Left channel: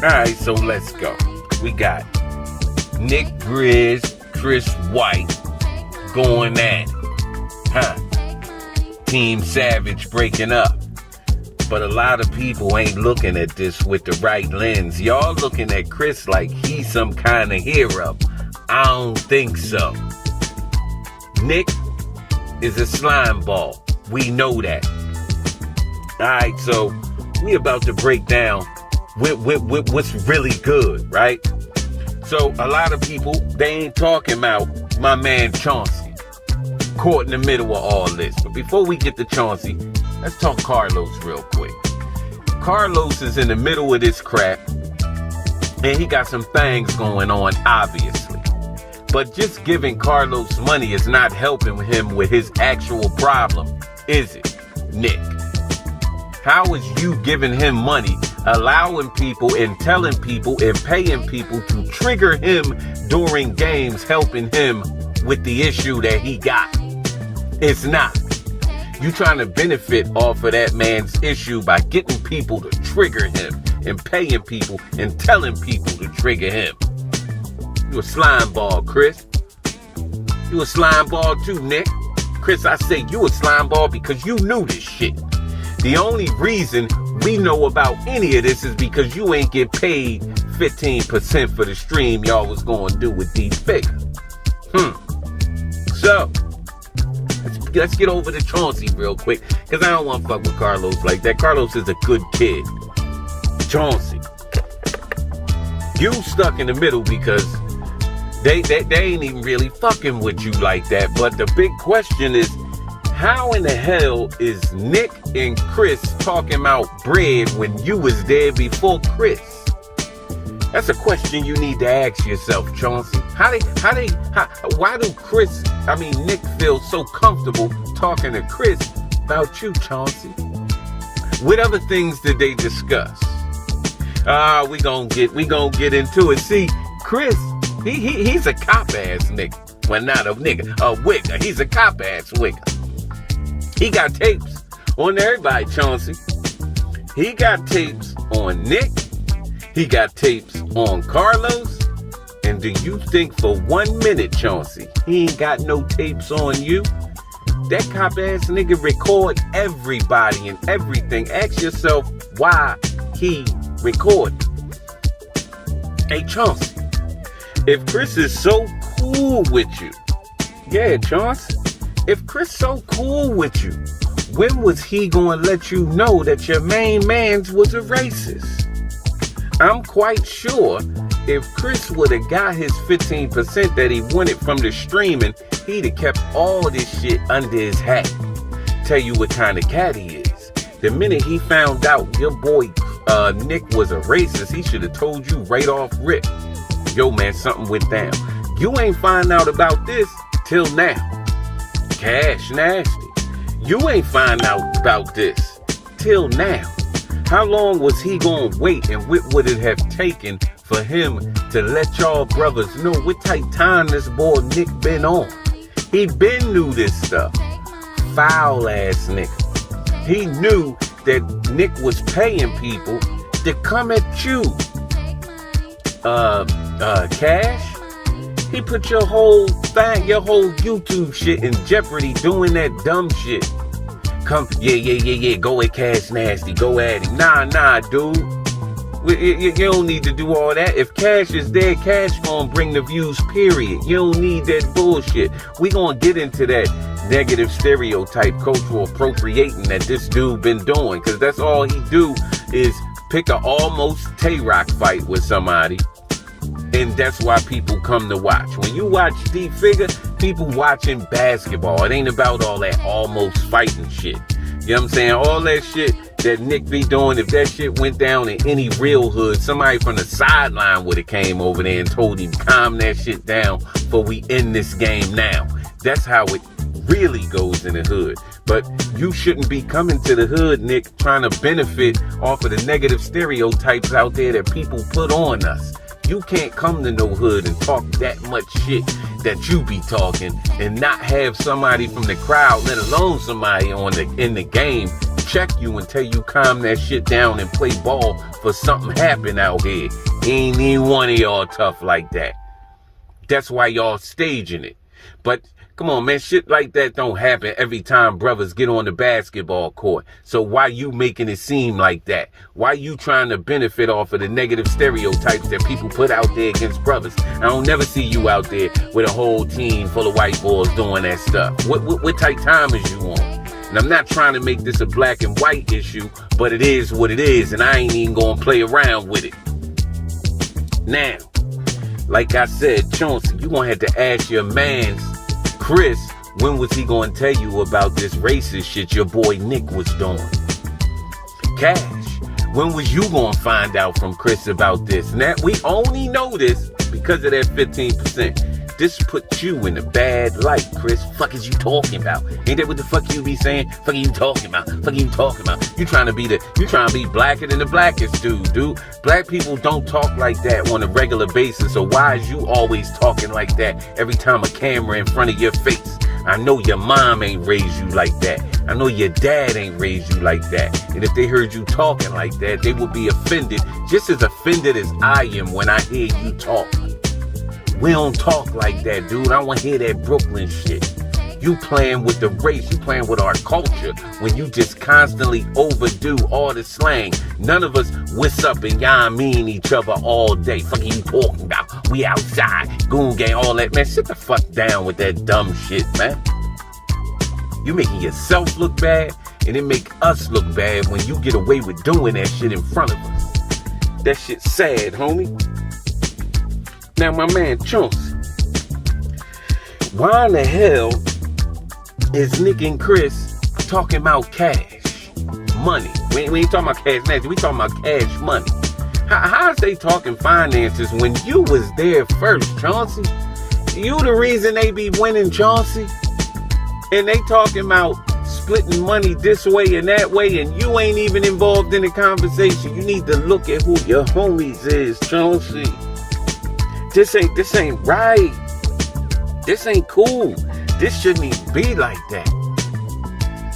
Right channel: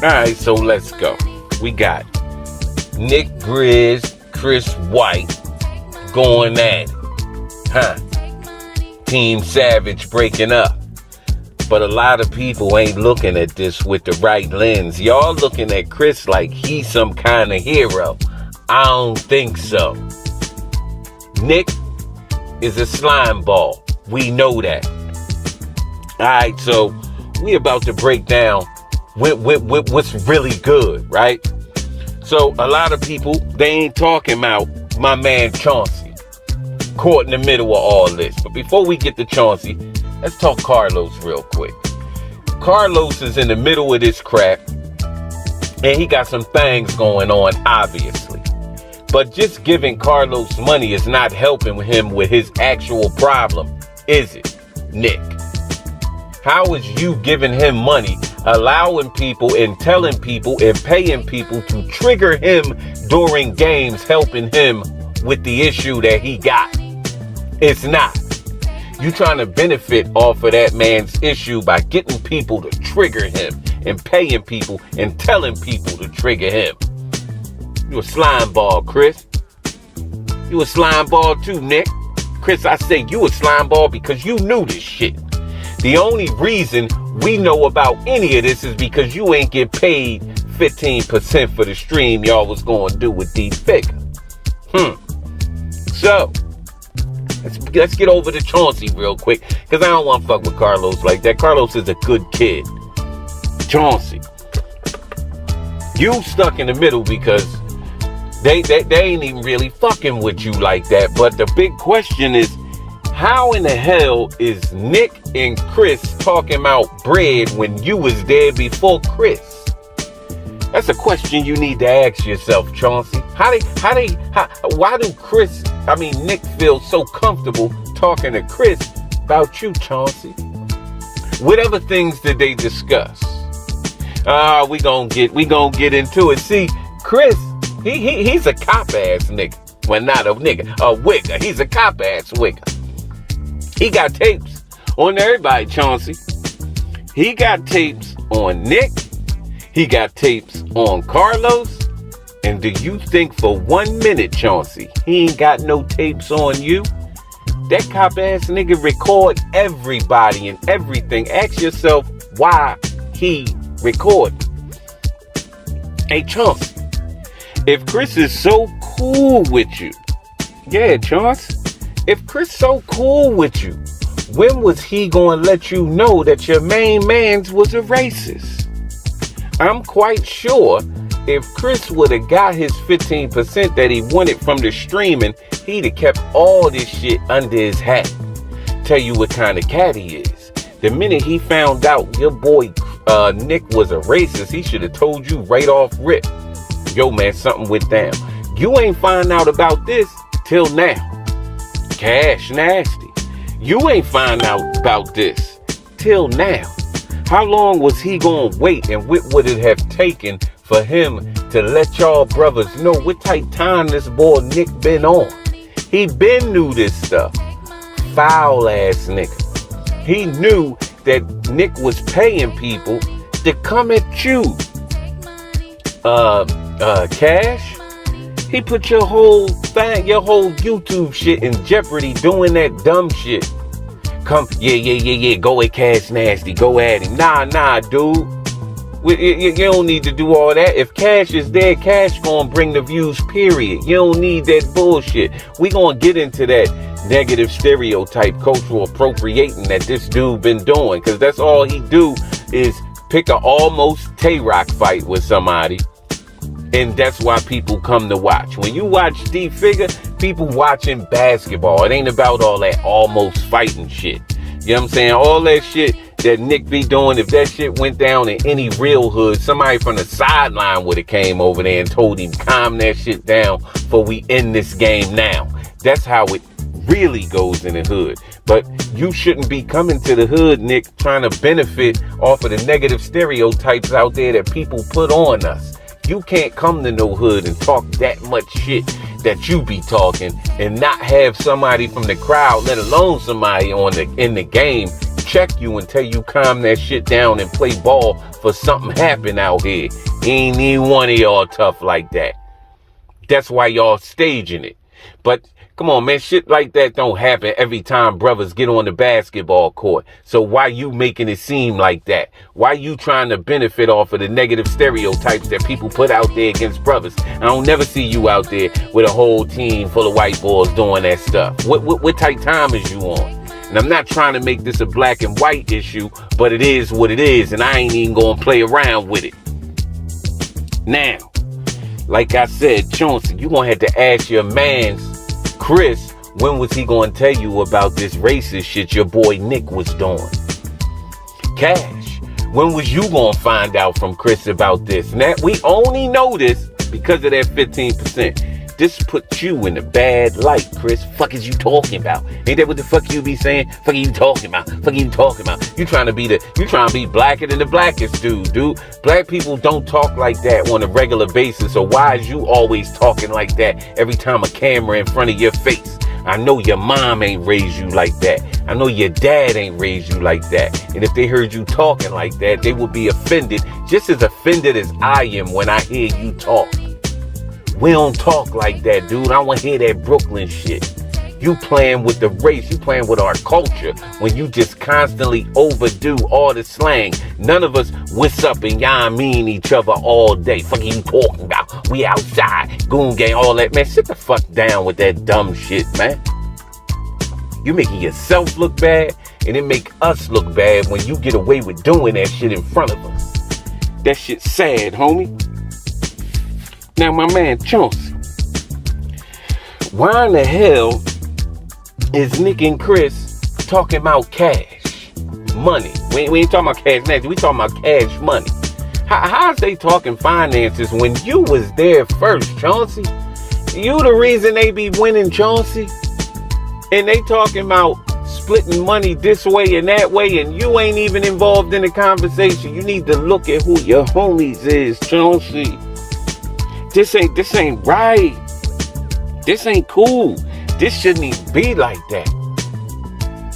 Alright, so let's go. We got Nick Briz, CRSWHT going at it. Team Savage breaking up. But a lot of people ain't looking at this with the right lens. Y'all looking at Chris like he's some kind of hero. I don't think so. Nick is a slime ball. We know that. Alright, so we about to break down what's really good, right? So a lot of people, they ain't talking about my man Chauncey, caught in the middle of all this. But before we get to Chauncey, let's talk Carlos real quick. Carlos is in the middle of this crap, and he got some things going on, obviously. But just giving Carlos money is not helping him with his actual problem, is it, Nick? How is you giving him money, allowing people and telling people and paying people to trigger him during games, helping him with the issue that he got? It's not. You trying to benefit off of that man's issue by getting people to trigger him and paying people and telling people to trigger him. You a slime ball, Chris. You a slime ball too, Nick. Chris, I say you a slime ball because you knew this shit. The only reason we know about any of this is because you ain't get paid 15% for the stream y'all was going to do with these figures. So, let's get over to Chauncey real quick, because I don't want to fuck with Carlos like that. Carlos is a good kid. Chauncey, you stuck in the middle because they ain't even really fucking with you like that. But the big question is, how in the hell is Nick and Chris talking about bread when you was there before Chris? That's a question you need to ask yourself, Chauncey. Why do Nick feel so comfortable talking to Chris about you, Chauncey? What other things did they discuss? We gonna get into it. See, Chris, he's a cop ass nigga. Well, not a nigga, a wigger. He's a cop ass wigger. He got tapes on everybody, Chauncey. He got tapes on Nick. He got tapes on Carlos. And do you think for 1 minute, Chauncey, he ain't got no tapes on you? That cop ass nigga record everybody and everything. Ask yourself why he recorded. Hey, Chauncey, if Chris is so cool with you, yeah, Chauncey, if Chris so cool with you, when was he going to let you know that your main mans was a racist? I'm quite sure if Chris would have got his 15% that he wanted from the streaming, he'd have kept all this shit under his hat. Tell you what kind of cat he is. The minute he found out your boy Nick was a racist, he should have told you right off rip, yo man, something went down. You ain't find out about this till now. Cash nasty. You ain't find out about this till now. How long was he gonna wait, and what would it have taken for him to let y'all brothers know what type time this boy Nick been on? He been knew this stuff. Foul ass nigga. He knew that Nick was paying people to come at you. Cash? He put your whole thing, your whole YouTube shit in jeopardy doing that dumb shit. Come, yeah, go at Cash Nasty, go at him. Nah, dude. You don't need to do all that. If Cash is there, Cash gonna bring the views, period. You don't need that bullshit. We gonna get into that negative stereotype, cultural appropriating that this dude been doing, because that's all he do is pick a almost Tay-Rock fight with somebody. And that's why people come to watch. When you watch D-Figure, people watching basketball. It ain't about all that almost fighting shit. You know what I'm saying? All that shit that Nick be doing, if that shit went down in any real hood, somebody from the sideline would have came over there and told him, calm that shit down before we end this game now. That's how it really goes in the hood. But you shouldn't be coming to the hood, Nick, trying to benefit off of the negative stereotypes out there that people put on us. You can't come to no hood and talk that much shit that you be talking and not have somebody from the crowd, let alone somebody in the game, check you and tell you calm that shit down and play ball for something happen out here. Ain't even one of y'all tough like that. That's why y'all staging it. But come on, man, shit like that don't happen every time brothers get on the basketball court. So why you making it seem like that? Why you trying to benefit off of the negative stereotypes that people put out there against brothers? I don't never see you out there with a whole team full of white boys doing that stuff. What type time is you on? And I'm not trying to make this a black and white issue, but it is what it is, and I ain't even gonna play around with it. Now, like I said, Chauncey, you gonna have to ask your mans, Chris, when was he gonna tell you about this racist shit your boy Nick was doing? Cash, when was you gonna find out from Chris about this? And that we only know this because of that 15%. This puts you in a bad light, Chris. Fuck is you talking about? Ain't that what the fuck you be saying? Fuck you talking about? Fuck you talking about? You trying to be blacker than the blackest dude. Black people don't talk like that on a regular basis. So why is you always talking like that every time a camera in front of your face? I know your mom ain't raised you like that. I know your dad ain't raised you like that. And if they heard you talking like that, they would be offended, just as offended as I am when I hear you talk. We don't talk like that, dude. I don't want to hear that Brooklyn shit. You playing with the race. You playing with our culture when you just constantly overdo all the slang. None of us what's up and y'all mean each other all day. Fuck you talking about? We outside. Goon gang, all that. Man, sit the fuck down with that dumb shit, man. You making yourself look bad, and it make us look bad when you get away with doing that shit in front of us. That shit's sad, homie. Now, my man, Chauncey, why in the hell is Nick and Chris talking about cash money? We ain't talking about cash money. We talking about cash money. How's they talking finances when you was there first, Chauncey? You the reason they be winning, Chauncey. And they talking about splitting money this way and that way, and you ain't even involved in the conversation. You need to look at who your homies is, Chauncey. This ain't right. This ain't cool. This shouldn't even be like that.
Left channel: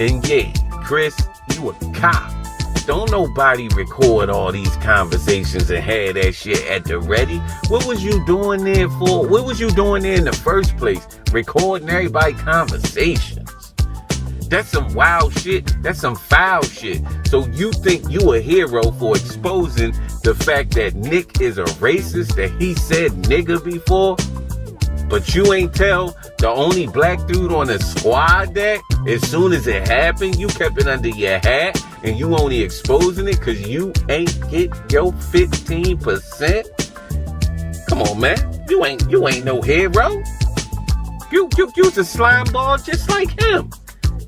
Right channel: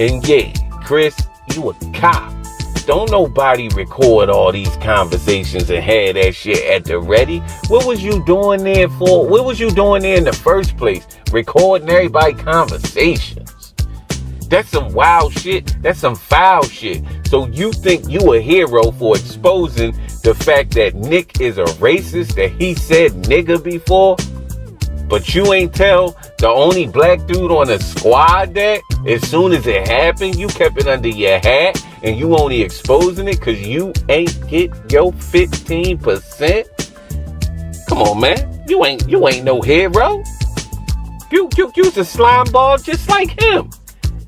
And yeah, Chris, you a cop. Don't nobody record all these conversations and have that shit at the ready. What was you doing there for? What was you doing there in the first place? Recording everybody's conversations. That's some wild shit. That's some foul shit. So you think you a hero for exposing the fact that Nick is a racist, that he said nigga before? But you ain't tell the only black dude on the squad that as soon as it happened, you kept it under your hat and you only exposing it because you ain't get your 15%? Come on, man. You ain't no hero. You's a slime ball just like him.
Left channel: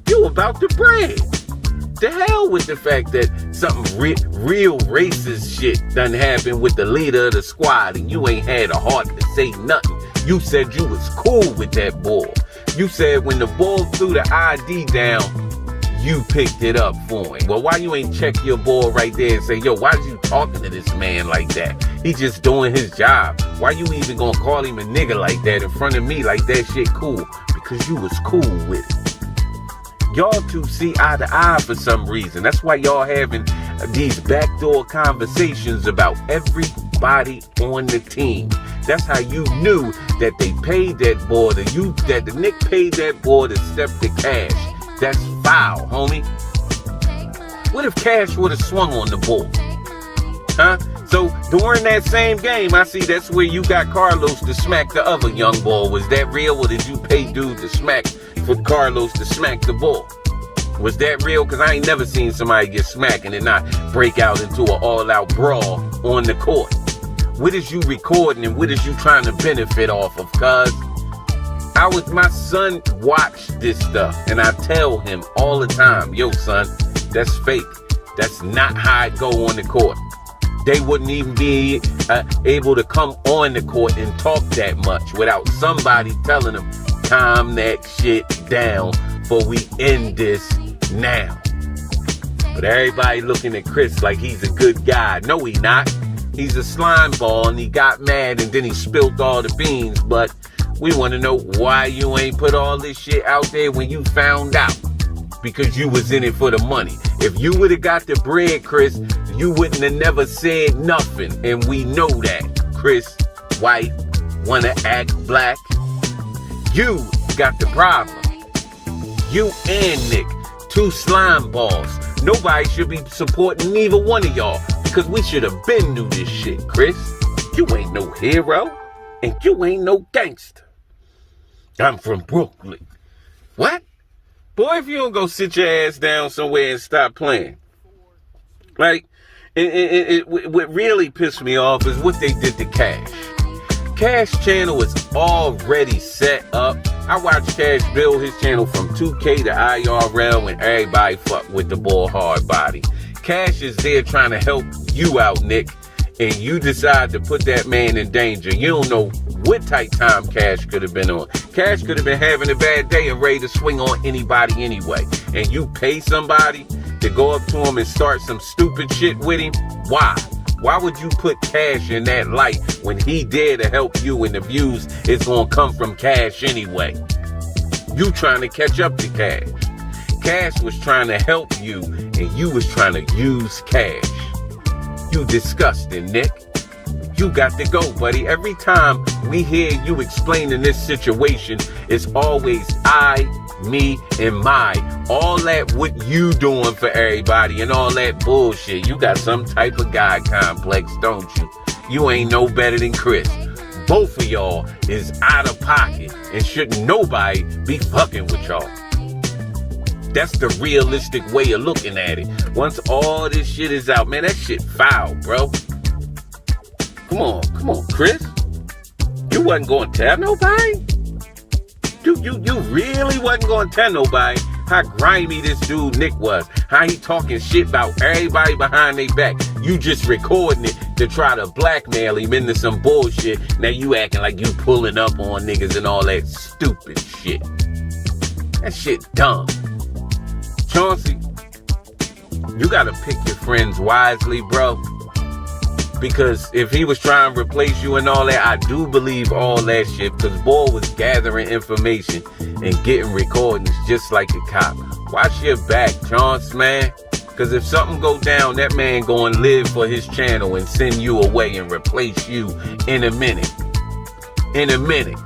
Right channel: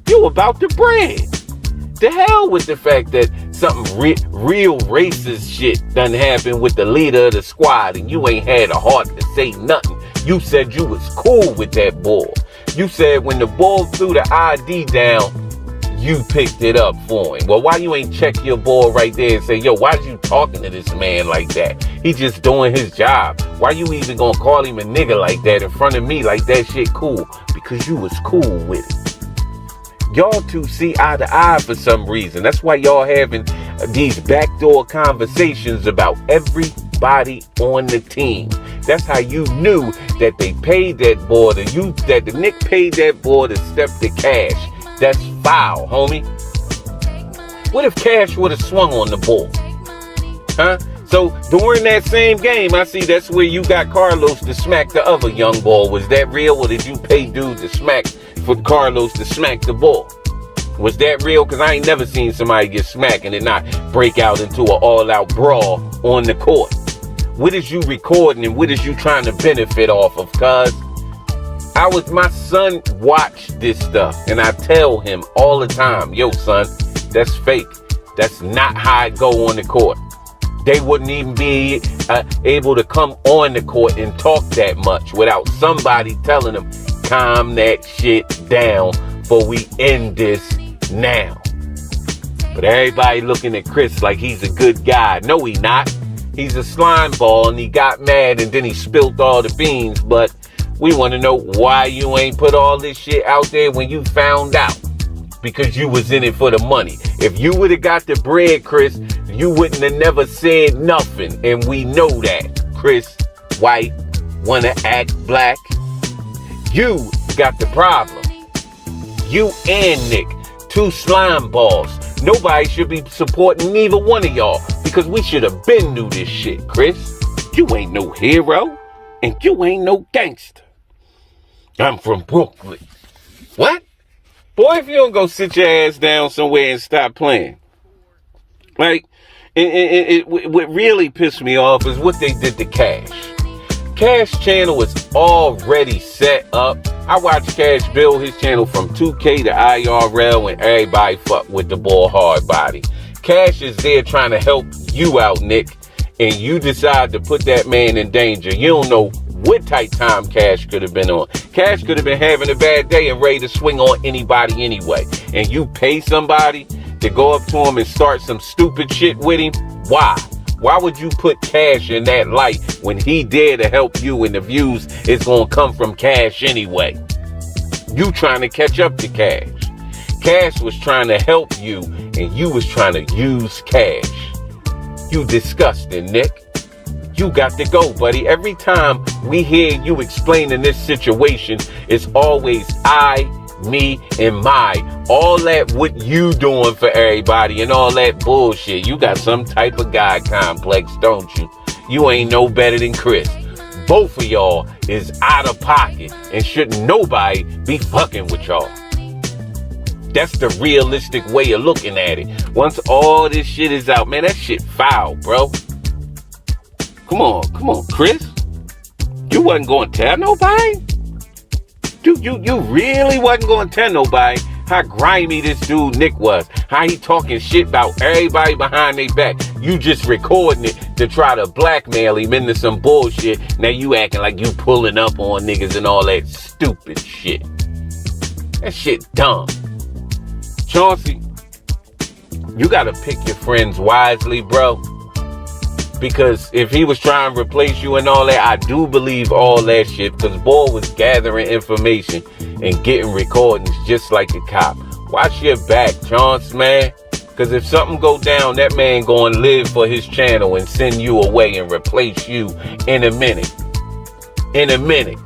You about the bread. The hell with the fact that something real racist shit done happened with the leader of the squad and you ain't had a heart to say nothing. You said you was cool with that boy. You said when the boy threw the ID down, you picked it up for him. Well, why you ain't check your boy right there and say, yo, why you talking to this man like that? He just doing his job. Why you even gonna call him a nigga like that in front of me like that shit cool? Because you was cool with it. Y'all two see eye to eye for some reason. That's why y'all having these backdoor conversations about everybody on the team. That's how you knew that they paid that boy, that the Nick paid that boy to step the cash. That's foul, homie. What if Cash would have swung on the ball? Huh? So during that same game, I see that's where you got Carlos to smack the other young ball. Was that real, or did you pay dude to smack for Carlos to smack the ball? Was that real? Because I ain't never seen somebody get smacked and then not break out into an all-out brawl on the court. What is you recording and what is you trying to benefit off of? Cuz my son watch this stuff and I tell him all the time, yo son, that's fake. That's not how it go on the court. They wouldn't even be able to come on the court and talk that much without somebody telling them, calm that shit down before we end this now. But everybody looking at Chris like he's a good guy. No, he not. He's a slime ball and he got mad and then he spilled all the beans. But we want to know why you ain't put all this shit out there when you found out. Because you was in it for the money. If you would have got the bread, Chris, you wouldn't have never said nothing. And we know that. Chris, white, wanna act black. You got the problem. You and Nick, two slime balls. Nobody should be supporting neither one of y'all because we should have been knew this shit, Chris. You ain't no hero and you ain't no gangster. I'm from Brooklyn. What? Boy, if you don't go sit your ass down somewhere and stop playing. Like, what really pissed me off is what they did to Cash. Cash channel is already set up. I watched Cash build his channel from 2K to IRL and everybody fuck with the ball hard body. Cash is there trying to help you out, Nick, and you decide to put that man in danger. You don't know what type time Cash could have been on. Cash could have been having a bad day and ready to swing on anybody anyway. And you pay somebody to go up to him and start some stupid shit with him? Why? Why would you put Cash in that light when he dare to help you and the views is going to come from Cash anyway? You trying to catch up to Cash. Cash was trying to help you and you was trying to use Cash. You disgusting, Nick. You got to go, buddy. Every time we hear you explaining this situation, it's always I, me, and my. All that what you doing for everybody and all that bullshit. You got some type of God complex, don't you? You ain't no better than Chris. Both of y'all is out of pocket and shouldn't nobody be fucking with y'all. That's the realistic way of looking at it. Once all this shit is out, man, that shit foul, bro. Come on, Chris. You wasn't going to tell nobody? You really wasn't going to tell nobody how grimy this dude Nick was. How he talking shit about everybody behind their back. You just recording it to try to blackmail him into some bullshit. Now you acting like you pulling up on niggas and all that stupid shit. That shit dumb. Chauncey, you gotta pick your friends wisely, bro. Because if he was trying to replace you and all that, I do believe all that shit. Because Boy was gathering information and getting recordings just like a cop. Watch your back, Chauncey, man. Because if something go down, that man going to live for his channel and send you away and replace you in a minute. In a minute.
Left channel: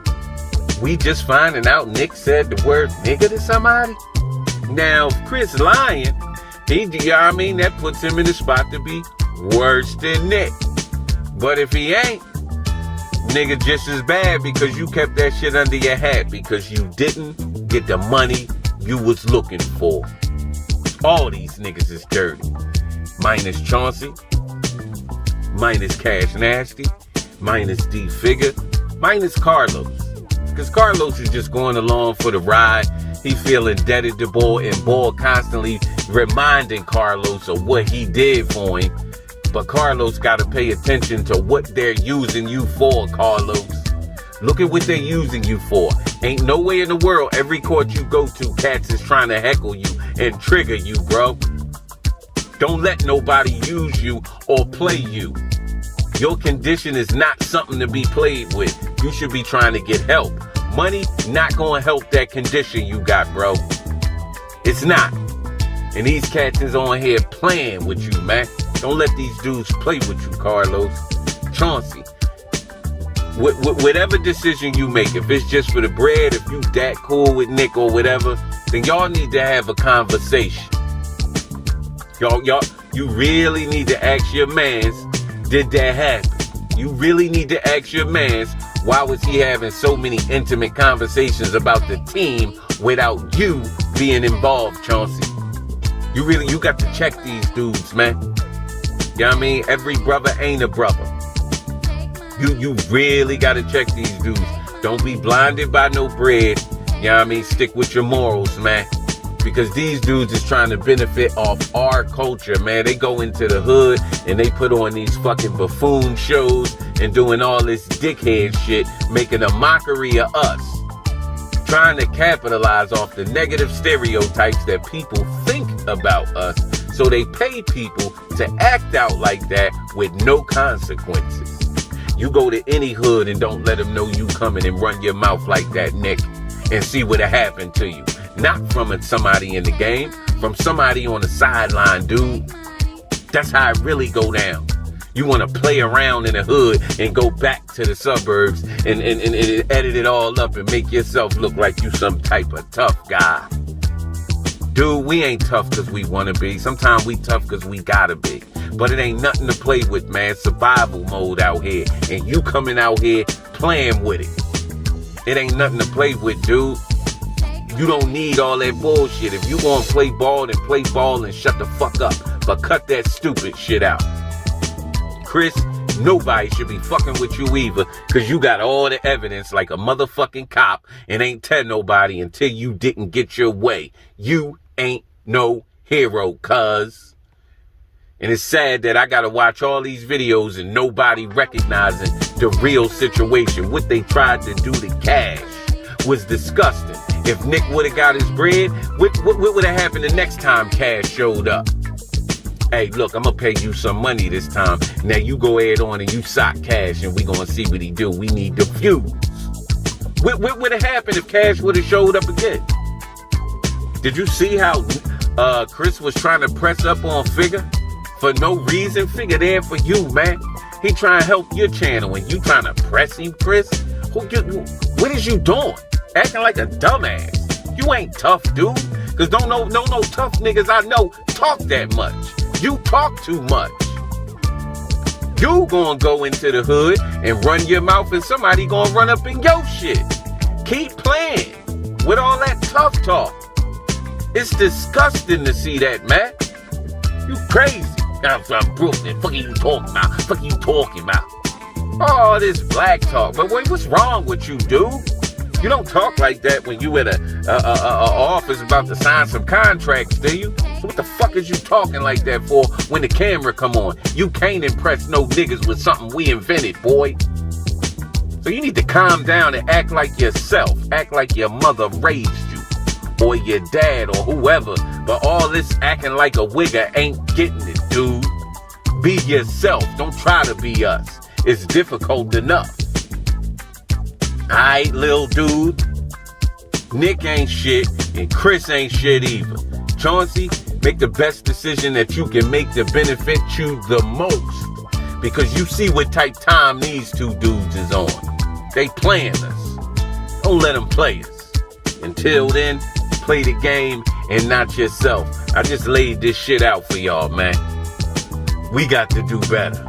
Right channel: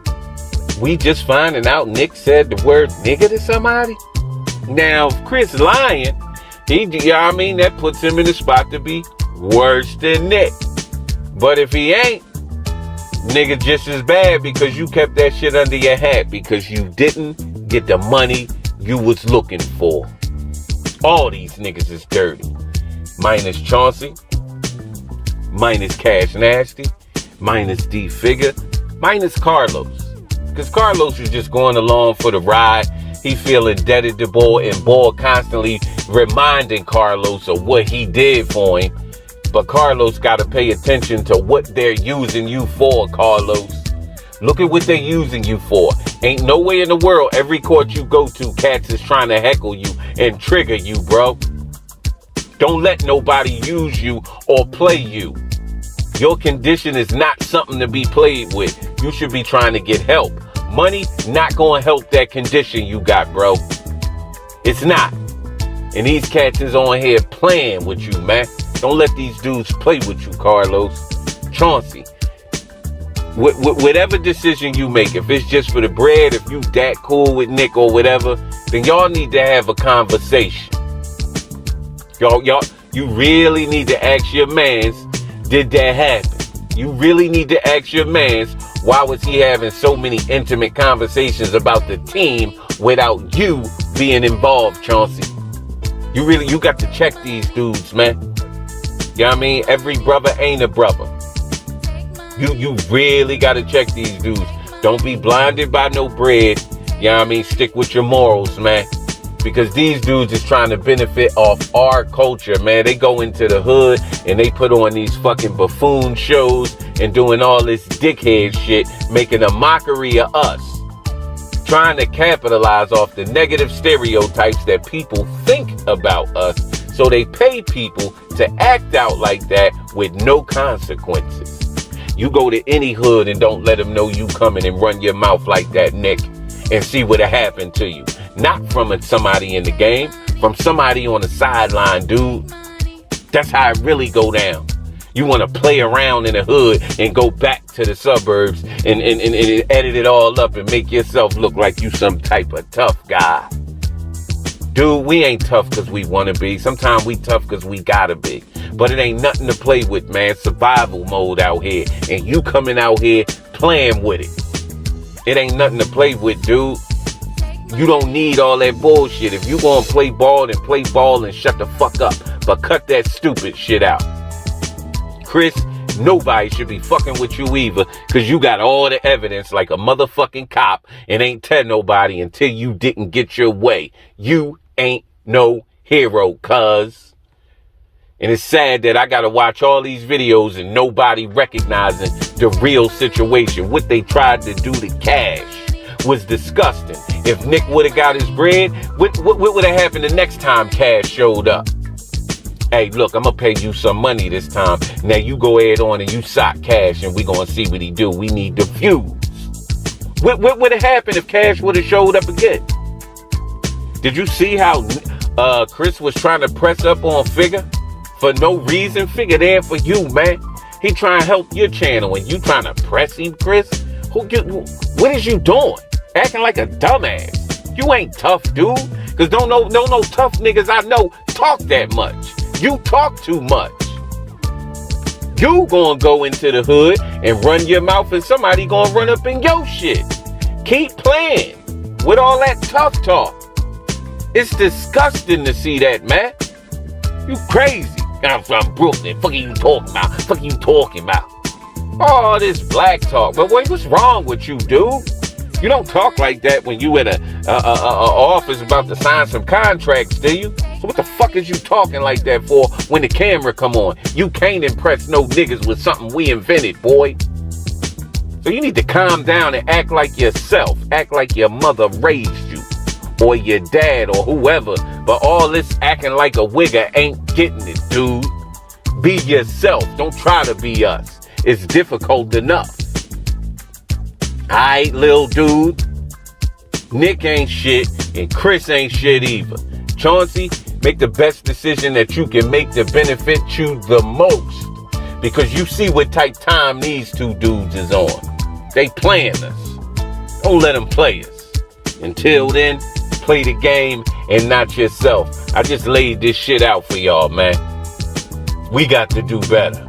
We just finding out Nick said the word nigga to somebody? Now, Chris lying, that puts him in the spot to be worse than Nick. But if he ain't, nigga just as bad because you kept that shit under your hat because you didn't get the money you was looking for. All these niggas is dirty. Minus Chauncey, minus Cash Nasty, minus D Figure, minus Carlos. Because Carlos is just going along for the ride. He feel indebted to Boy, and Boy constantly reminding Carlos of what he did for him. But Carlos got to pay attention to what they're using you for, Carlos. Look at what they're using you for. Ain't no way in the world every court you go to, cats is trying to heckle you and trigger you, bro. Don't let nobody use you or play you. Your condition is not something to be played with. You should be trying to get help. Money not going to help that condition you got, bro. It's not. And these cats is on here playing with you, man. Don't let these dudes play with you, Carlos. Chauncey. Whatever decision you make, if it's just for the bread, if you that cool with Nick or whatever, then y'all need to have a conversation. Y'all, you really need to ask your mans, did that happen? You really need to ask your mans, why was he having so many intimate conversations about the team without you being involved, Chauncey? You got to check these dudes, man. You know what I mean? Every brother ain't a brother. You really got to check these dudes. Don't be blinded by no bread. You know what I mean? Stick with your morals, man. Because these dudes is trying to benefit off our culture, man. They go into the hood and they put on these fucking buffoon shows and doing all this dickhead shit, making a mockery of us. Trying to capitalize off the negative stereotypes that people think about us. So they pay people to act out like that with no consequences. You go to any hood and don't let them know you coming and run your mouth like that, Nick, and see what'll happen to you. Not from somebody in the game, from somebody on the sideline, dude. That's how it really go down. You want to play around in the hood and go back to the suburbs and edit it all up and make yourself look like you some type of tough guy. Dude, we ain't tough because we want to be. Sometimes we tough because we gotta be. But it ain't nothing to play with, man. Survival mode out here. And you coming out here playing with it. It ain't nothing to play with, dude. You don't need all that bullshit. If you gonna play ball, then play ball and shut the fuck up. But cut that stupid shit out. Chris, nobody should be fucking with you either, because you got all the evidence like a motherfucking cop and ain't tell nobody until you didn't get your way. You ain't no hero, cuz. And it's sad that I gotta watch all these videos and nobody recognizing the real situation. What they tried to do to Cash was disgusting. If Nick would have got his bread, what would have happened the next time Cash showed up? Hey, look, I'm going to pay you some money this time. Now you go ahead on and you sock Cash and we going to see what he do. We need the views. What would have happened if Cash would have showed up again? Did you see how Chris was trying to press up on Figure? For no reason. Figure there for you, man. He trying to help your channel and you trying to press him, Chris? What is you doing? Acting like a dumbass. You ain't tough, dude. Because no tough niggas I know talk that much. You talk too much. You gonna go into the hood and run your mouth and somebody gonna run up in your shit. Keep playing with all that tough talk. It's disgusting to see that, man. You crazy. I'm from Brooklyn. Fuck you talking about? Fuck you talking about? All this black talk. But wait, what's wrong with you, dude? You don't talk like that when you at a office about to sign some contracts, do you? So what the fuck is you talking like that for when the camera come on? You can't impress no niggas with something we invented, boy. So you need to calm down and act like yourself. Act like your mother raised you. Or your dad or whoever. But all this acting like a wigger ain't getting it, dude. Be yourself. Don't try to be us. It's difficult enough. Alright, little dude. Nick ain't shit, and Chris ain't shit either. Chauncey, make the best decision that you can make to benefit you the most. Because you see what type time these two dudes is on. They playing us. Don't let them play us. Until then, play the game and not yourself. I just laid this shit out for y'all, man. We got to do better.